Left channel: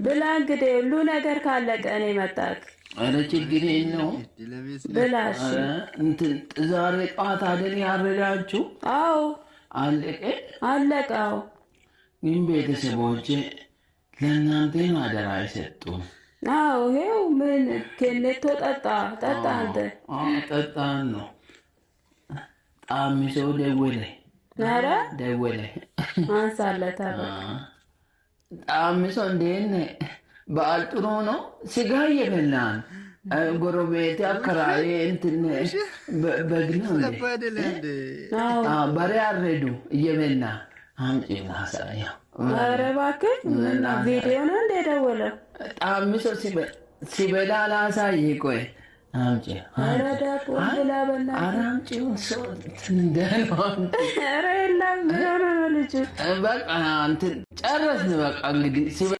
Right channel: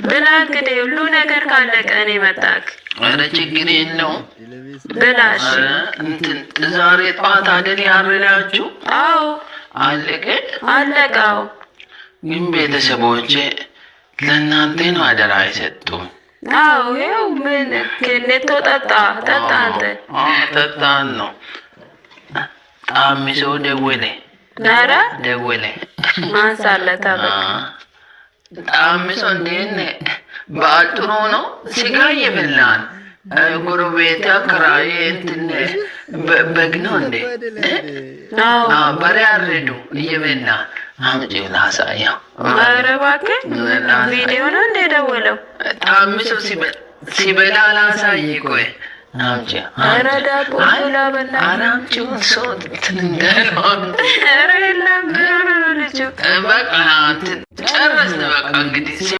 ብላ እንግዲህ ሁሉ ነገር ካለቀ እኔ መጣክ ኧረ ችግር የለውም ብላሽ እንትን ዛሬ ጠዋት አይደል ያረዳችሁ? አዎ አለቀ አለቀው። ግን ቤተሰቦቼ ለእናንተ ነው አደራ የሰጡን። አዎ ይኸው ምን ክሌቶ ጠጣ አንተ ጠጣን ነው አሚሶ ደወለ ኧረ ደወለ ማንሳለታ አሚሶ እንዴት ነህ? በአጥሩ ነው ስጋ እየበላን ጎረቤት አከራዬ እንትን በግ ነው እንዴ በሬ አረዱ እየበላ አምጪ ላሳየው። ኧረ እባክህ ቪዲዮ ነው እንደ ደወለው አሚሶ ሲበላ ላሳይ። ቆይ አምጪ ኧረ ዳቦ በላ አምጪው ሰው ትንገረውን ኧረ የለም ልጁ በቃ እንትን ጨረስ በቃ እንግዲህ